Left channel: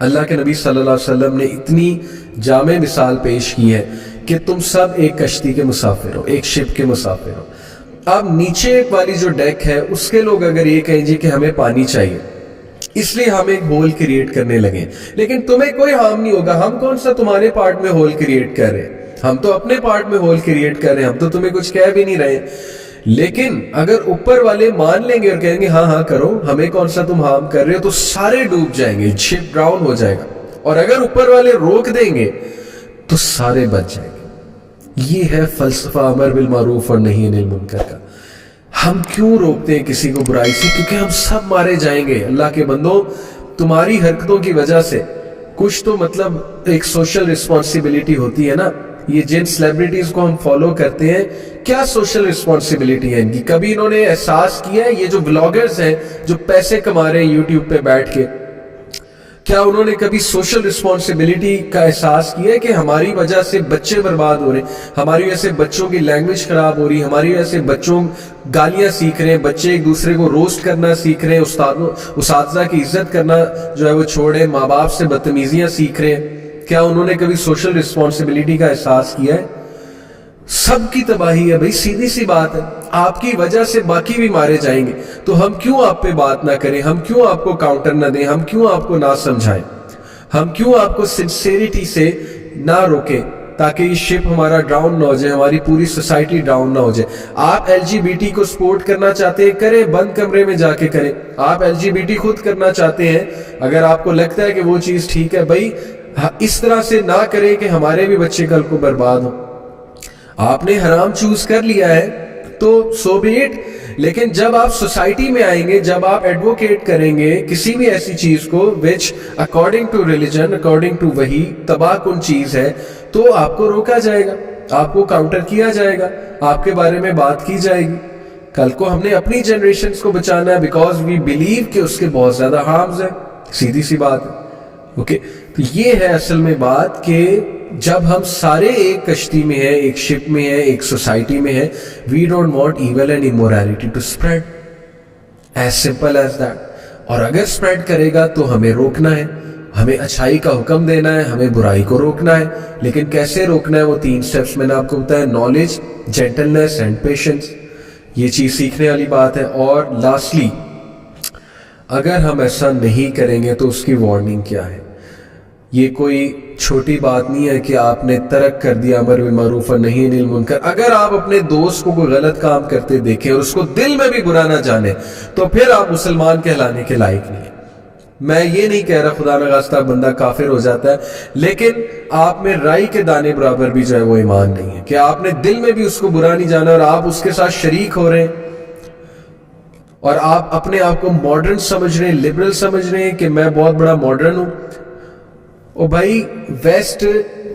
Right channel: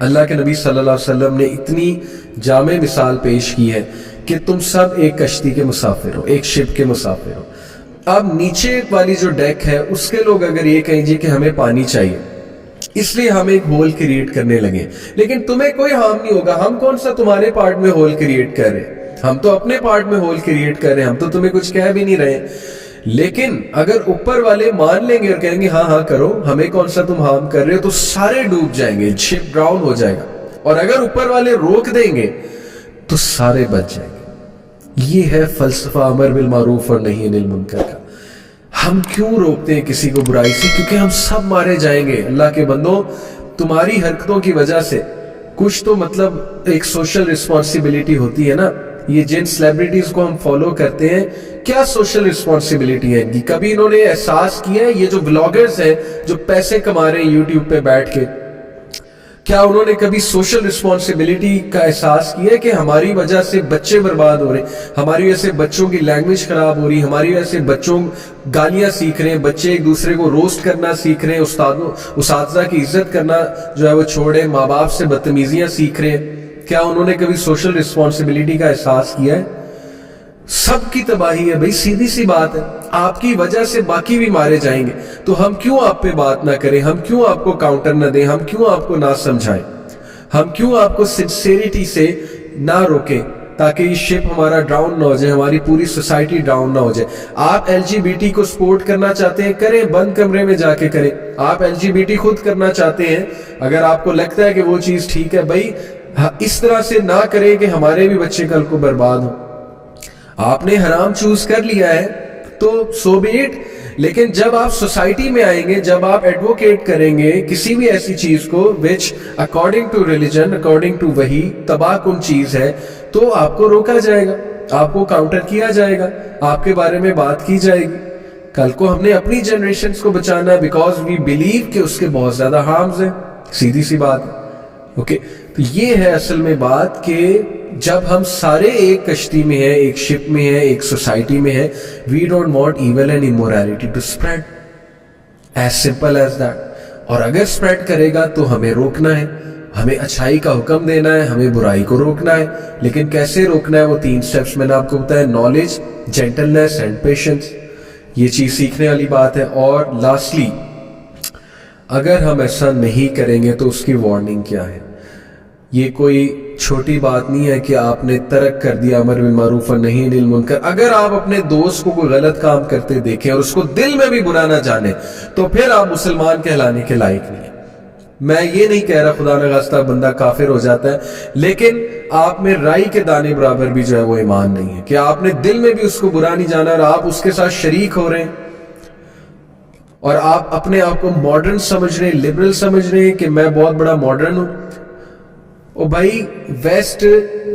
اللہ کے نبی صلی اللہ علیہ وسلم نے اتنی جامع مثال پیش کی ہے کہ تم سب ایک کشتی کے مسافر ہو، ایک شپ کے مسافر ہو. اب نیچے والی جو ڈیک ہے اس کے لوگ اگر یہ کہیں جی کہ ہمیں پانی چاہیے اس لیے ہم ایک ہول کریٹ کرنے لگے، لیکن تمہیں کوئی ہارم نہیں ہوگا. ہم کون سا تمہارے پارٹ میں ہول کریٹ کر رہے ہیں، ہم تو اپنے پارٹ میں ہول کریٹ کر رہے ہیں، ہم تو تمہیں کچھ کہہ بھی نہیں رہے. لیکن اگر اوپر والے مان لیں گے اور کہیں گے ہاں ہاں کرو، ہمیں کون سا تم ہارم کر رہے ہو، تو سارے ڈوب جائیں گے، شپ ڈراؤن ہو جائے گا. اور اگر اوپر والے روک دیں گے تو سارے بچ جائیں گے. یہ ہے فلسفہ امر بالمعروف اور نہی عن المنکر کا. ہم کیوں روکتے ہیں کسی کو برائی سے؟ کیونکہ ہم سب مارے جائیں گے. اللہ کے بندوں، تمہاری حرکتوں کی وجہ سے کچھ تو مطلب ایک سوشل رسپانسبلٹی ہوتی ہے نا. یہ جن سیلیبریٹیز کو ہم فالو کرتے ہیں، کیا سوشل رسپانسبلٹی ہے ان کی؟ کبھی انہوں نے احساس کیا ہے؟ یہ جو ولاگرز ہیں جو پیسے کما رہے ہیں یوٹیوب پہ بیٹھ کے، کیا انہوں نے کبھی سوشل رسپانسبلٹی کا احساس کیا ہے کہ ہماری وجہ سے بچے برباد ہو رہے ہیں، ہماری وجہ سے بچوں کی لینگویج خراب ہو رہی ہے، ہماری وجہ سے بچوں گالیاں سیکھ رہے ہیں، بچے ایک دوسرے کو روسٹ کرنا سیکھ رہے ہیں، اساتذہ کی عزت کرنا جو ہے وہ چھوڑے، ماں باپ سے بدتمیزیاں سیکھ رہے ہیں؟ کیا انہوں نے کبھی سوشل رسپانسبلٹی کا احساس کیا ہے؟ سب کی تباہی ہے بھائی، سیدھی سی بات ہے. آپ کی وجہ سے باقی بھی مارے جائیں گے، تو ہم کیوں آپ پہ بات نہ کریں؟ ہم کیوں آپ کو کاؤنٹر نہ دیں؟ ہم کیوں آپ کو نہ سمجھائیں؟ ہم کیوں آپ کو سنسیریٹی سے نہ روکیں تاکہ یہ شپ ہمارا ڈراؤن نہ ہو جائے، ہماری پوری سوسائٹی ڈراؤن نہ ہو جائے؟ آپ ایل جی بی ٹی کو سپورٹ کرنا چاہتے ہیں، کریں، بند کمرے میں جا کے کریں. آپ ایل جی بی ٹی خود کرنا چاہتے ہیں، اگر آپ کو لگتا ہے کہ وہ چیز ٹھیک ہے، بھائی اس طرح سے نہ کریں کہ ہمارے بھی بچے کل کو برباد ہوں. آپ نے حرام چوز کر لیا ہے تو سو بی اٹ. لیکن جب آپ سوسائٹی میں آئیں گے، جب آپ ایڈوکیٹ کریں گے کسی بھی ایسی چیز کو وچ according to religion, according to وحی تباہ کن چیز ہے، تو آپ کو روکا جائے گا، آپ کو کاؤنٹر کیا جائے گا، آپ کے بارے میں بات کی جائے گی. کل کو ہم نے اپنی جنریشنز کو بچانا ہے، بیکاز وی بلیو کہ اس کے بہت زیادہ ہارمز ہیں. سیدھی سی بات ہے. اوکے، تو یہ ہے اصل میں بات کہ جب ہم سارے ایک کشتی میں ہیں، ایک شپ میں ہیں، ایک سوسائٹی میں ہیں، we don't want evil and immorality to spread, as simple as that. اور اگر اسپریڈ کرے گا تو ہمیں روکنا ہے، ہمیں اچھائی کا حکم دینا ہے، ہمیں برائی کو روکنا ہے. لیکن کیسے روکنا ہے؟ وہ 3 سٹیپس میں نے آپ کو بتایا: نالج، جینٹلنس اینڈ پیشنس. یہ چیز سیکھنے والی بات ہے. اور لاسٹلی، اگر ہم ایسا نہیں کریں گے تو اس کی وارننگ کیا ہے؟ یہ کوئی چھوٹی بات نہیں ہے کہ آپ نے ترک کر دیا امر بالمعروف اور نہی عن المنکر. اگر آپ اپنے دوست کو کوئی غلط کام کرتے دیکھیں اور اس کو دل میں بھی برا نہ جانیں تو پھر آپ مسلمان کہلانے کے لائق نہیں ہیں. میں یہ نہیں کہہ رہا خدا نخواستہ بندہ کافر ہو جاتا ہے، لیکن آپ میں رائی کے دانے برابر بھی جو ہے وہ ایمان نہیں ہے کہ آپ نے دل میں بھی اس کو برا نہیں جانا اور آپ اس کے ساتھ شریک ہو رہے ہیں اور آپ اپنے آپ کو ماڈرن سمجھ رہے ہیں، لبرل سمجھ رہے ہیں کہ میں بہت بڑا ماڈرن ہوں. او بھائی، ویسٹ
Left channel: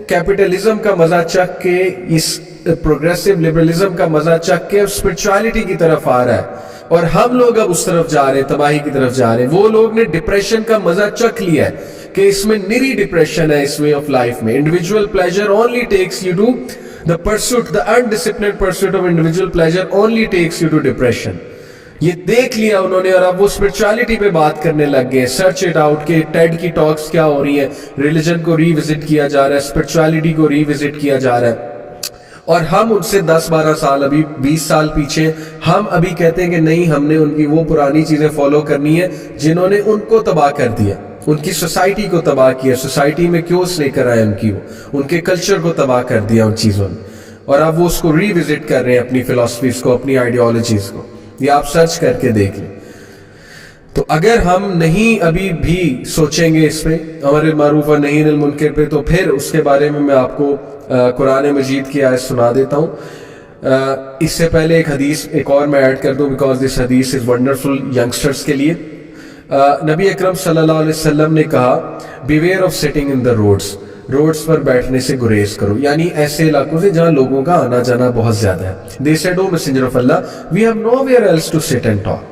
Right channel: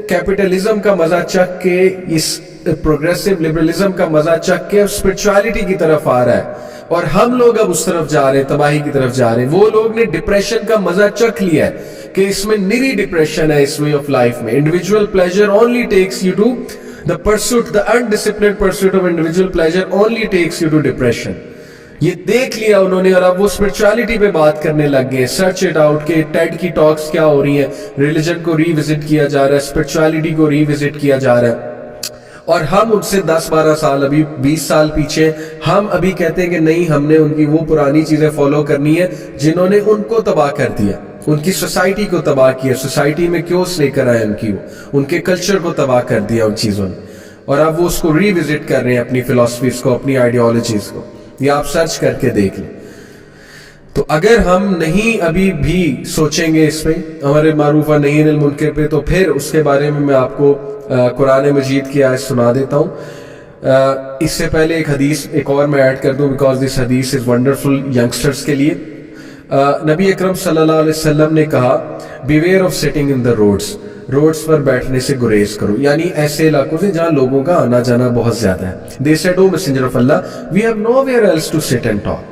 کیپٹلزم کا مزہ چک کے، اس پروگریسو لبرلزم کا مزہ چک کے اب اسپرچویلٹی کی طرف آ رہا ہے اور ہم لوگ اب اس طرف جا رہے ہیں، تباہی کی طرف جا رہے ہیں. وہ لوگ نے ڈپریشن کا مزہ چک لیا ہے کہ اس میں نری ڈپریشن ہے اس وے آف لائف میں. Individual pleasure only takes you to the pursuit, the undisciplined pursuit of individual pleasure only takes you to depression. یہ دیکھ لیا انہوں نے اور اب وہ اسپرچویلٹی پہ بات کرنے لگ گئے. سرچ اٹ آؤٹ کہ ٹیڈ کی ٹاکس کیا ہو رہی ہیں، ریلیجن کو ری وزٹ کیا جا رہا ہے، اسپرچویلٹی کو ری وزٹ کیا جا رہا ہے. اور ہم ان سے 10-12 سال، ابھی 20 سال پیچھے، ہم ابھی کہتے ہیں کہ نہیں، ہم نے ان کی وہ پرانی چیزیں فالو کرنی ہے جنہوں نے ان کو تباہ کر دیا، ان کی سوسائٹی کو تباہ کیا. سوسائٹی میں کیوس لے کر آئے ان کی، وہ ان کے کلچر کو تباہ کر دیا ان چیزوں نے، اور اب وہ اس کو ری وزٹ کر رہے ہیں، اپنی فلسفیز کو، اپنی آئیڈیالوجیز کو. یہ آپ سرچ کر کے دیکھ لیں. تو اگر ہم نہیں ابھی بھی سوچیں گے اس پہ، امر بالمعروف اور نہی عن المنکر پہ، تو پھر اس کے بارے میں آپ کو قرآن مجید کی آیت سنا دیتا ہوں. اس سے پہلے ایک حدیث ایک اور میں ایڈ کر دوں، بیکاز دس حدیث از ونڈرفل ینگسٹرز کے لیے. نبی اکرم صلی اللہ علیہ وسلم نے کہا، beware of sitting in the roads پر بیٹھنے سے گریز کرو، یعنی ایسے علاقوں سے جہاں لوگوں کا آنا جانا بہت زیادہ ہے. They said, "O Messenger of Allah, we have nowhere else to sit and talk."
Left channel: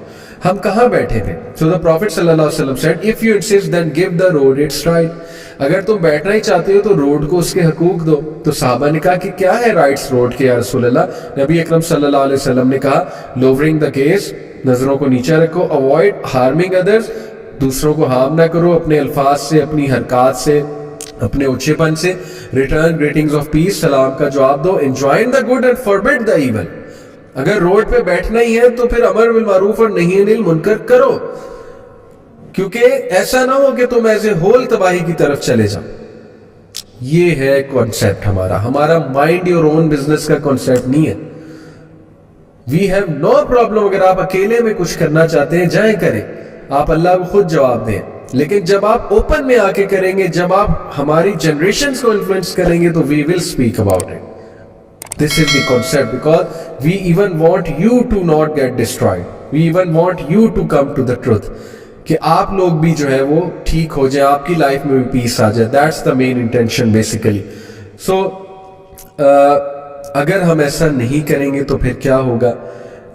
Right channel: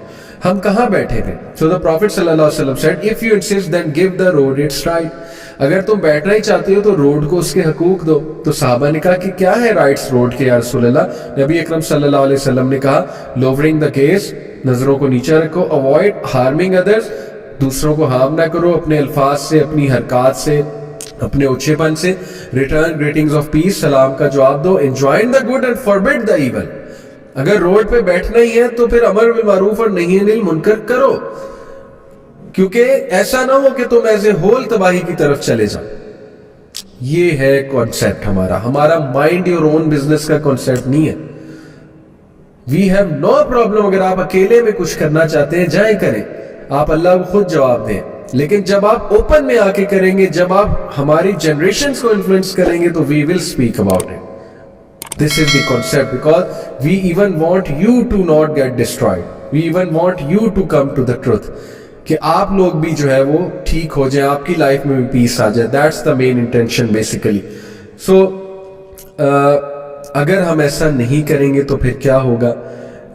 ہم کہاں بیٹھے تھے؟ So the Prophet صلی اللہ علیہ وسلم said, "If you insist, then give the road its right." اگر تم بیٹھنا ہی چاہتے ہو تو روڈ کو اس کے حقوق دو. تو صحابہ نے کہا کہ کیا ہے رائٹس روڈ کے یا رسول اللہ؟ نبی اکرم صلی اللہ علیہ وسلم نے کہا، lowering the gaze، نظروں کو نیچے رکھو، avoid harming others، دوسروں کو ہارم نہ کرو اپنے الفاظ سے، اپنی حرکات سے، اپنے اونچے پن سے. ریٹرن گریٹنگز آف پیس، سلام کا جواب دو. Enjoin the good and forbid the evil. اگر روڈ پہ بیٹھنا ہی ہے تو پھر امر بالمعروف اور نہی عن المنکر کرو، کیونکہ ایسا نہ ہو کہ تم ایز اے ہول تباہی کی طرف چلے جاؤ. یہ ہے کانسیپٹ ہمارا مائنڈ یور اون بزنس کا کانسیپٹ نہیں ہے. وی ہیو نو پرابلم، اگر آپ اکیلے میں کچھ کرنا چاہتے ہیں جائیں کریں، آپ اللہ کو خود جواب دیں. لیکن جب آپ اوپن میں آ کے کریں گے، جب آپ ہماری جنریشنز کو انفلوئنس کریں گے تو we will speak about it. This is the concept, because we even want you to not get destroyed. We even want you to come to the truth. کہ آپ لوگ بھی جو ہے وہ ٹھیک ہو جائیں، آپ کی لائف میں بھی پیس آ جائے. That's the main intention basically. So اگر ہم ایسا نہیں کریں گے تو پھر کیا ہوگا؟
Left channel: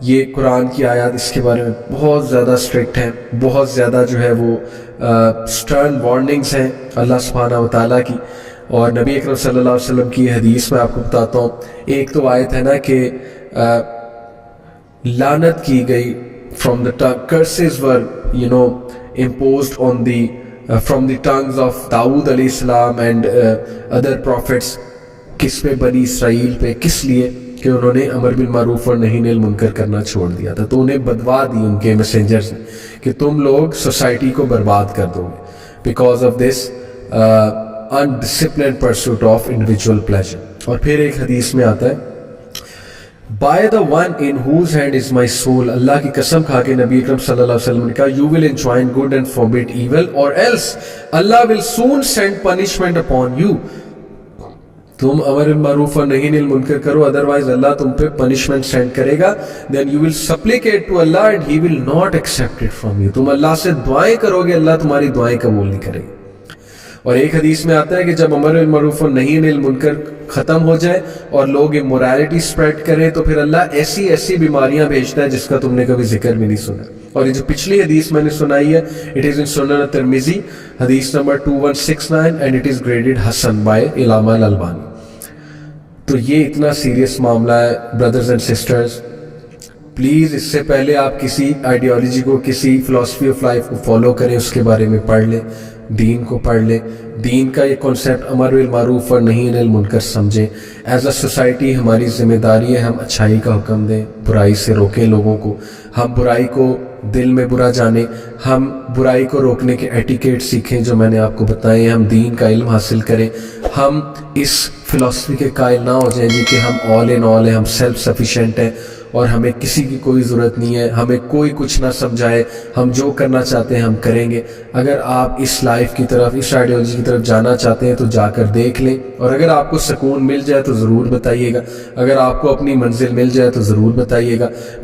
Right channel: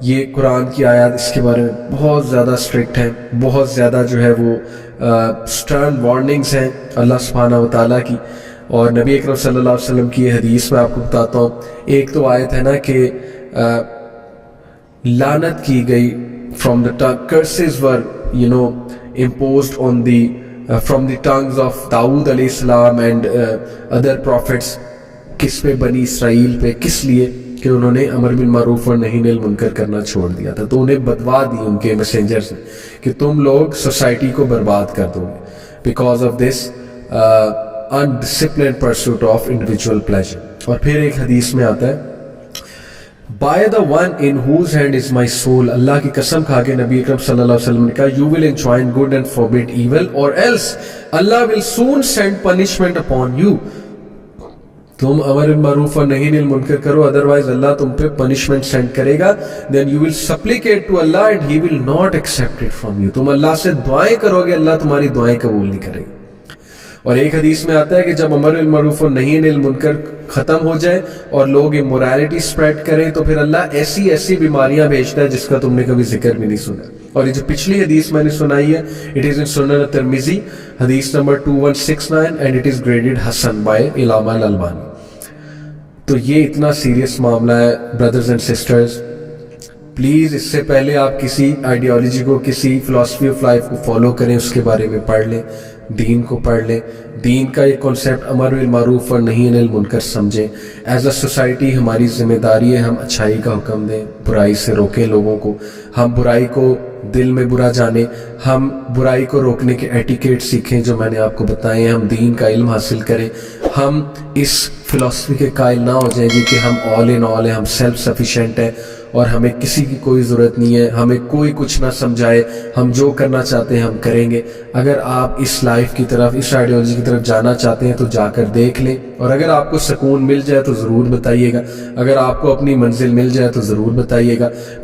یہ قرآن کی آیات اس کے بارے میں بہت زیادہ اسٹرکٹ ہیں، بہت زیادہ جو ہے وہ سٹرن وارننگز ہیں اللہ سبحانہ و تعالیٰ کی. اور نبی اکرم صلی اللہ علیہ وسلم کی حدیث میں آپ کو بتاتا ہوں. ایک تو آیت ہے نا کہ لعنت کی گئی from the curses were imposed on the from the tongues of داؤد علیہ السلام and other prophets. کس پہ؟ بنی اسرائیل پہ. کس لیے؟ کہ انہوں نے امر بالمعروف اور نہی عن المنکر کرنا چھوڑ دیا تھا. تو انہیں بدوا دی ان کے میسنجرز نے کہ تم لوگ سوسائٹی کو برباد کر دو گے because of this undisciplined pursuit of individual pleasure. اور پھر ایک حدیث میں آتا ہے by the one in whose hand is my soul. اللہ کی قسم کھا کے نبی اکرم صلی اللہ علیہ وسلم نے کہا you will enjoin good and forbid evil or else Allah will soon send punishment upon you. تم امر بالمعروف اور نہی عن المنکر کرو، ادروائز اللہ تم پہ پنشمنٹ سینڈ کرے گا. then you will supplicate to Allah and he will not accept it from you. تم اللہ سے دعائیں کرو گے، اللہ تمہاری دعائیں قبول نہیں کرے گا. اور ایک حدیث میں آتا ہے کہ جب امر بالمعروف اور نہی عن المنکر ختم ہو جائے اور لوگ امورالٹی سپریڈ کریں تو پھر اللہ ایسی ایسی بیماریاں بھیجتا ہے جس کا تم نے کبھی ذکر بھی نہیں سنا. اور یہ جو پچھلی حدیث میں نے سنائی ہے اٹ از ان سنن ترمذی حدیث number 2169 and it is graded حسن بائی علامہ الالبانی. تو یہ اتنا سیریس معاملہ ہے بردرز اینڈ سسٹرز. پلیز اس سے پہلے آپ کسی آئیڈیالوجی کو، کسی فلاسفی آف لائف کو فالو کریں، اس کے بارے میں پڑھ لیں، دین کو پڑھ لیں. دین کا یہ کانسیپٹ امر بالمعروف اور نہی عن المنکر سمجھیں. ایز اے سوسائٹی ہماری ذمہ داری ہے ہم اچھائی کا حکم دیں، برائی سے روکیں لوگوں کو. ہم برائی کو دل میں برا جانیں، ہم برائی کو روکنے کے ایٹیکیٹ سیکھیں جو میں نے آپ کو بتائے ہیں. ہم دین کا علم حاصل کریں. ہم اس فلاسفی کے قائل نہ ہو جائیں جی کہ ہم آل ان آل ہیں، ہم سیلف سفیشینٹ ہیں اور ہمیں کسی کی کوئی ضرورت نہیں ہے، ہمیں کوئی کچھ نہ سمجھائے، ہم جو کرنا چاہتے ہیں ہم کریں گے. اگر آپ اس لائف کی طرف، اس آئیڈیالوجی کی طرف جانا چاہتے ہیں تو جا کر دیکھ لیں. اور اگر آپ کو سکون مل جائے تو ضرور بتائیے گا، اگر آپ کو اپنی منزل مل جائے تو ضرور بتائیے گا.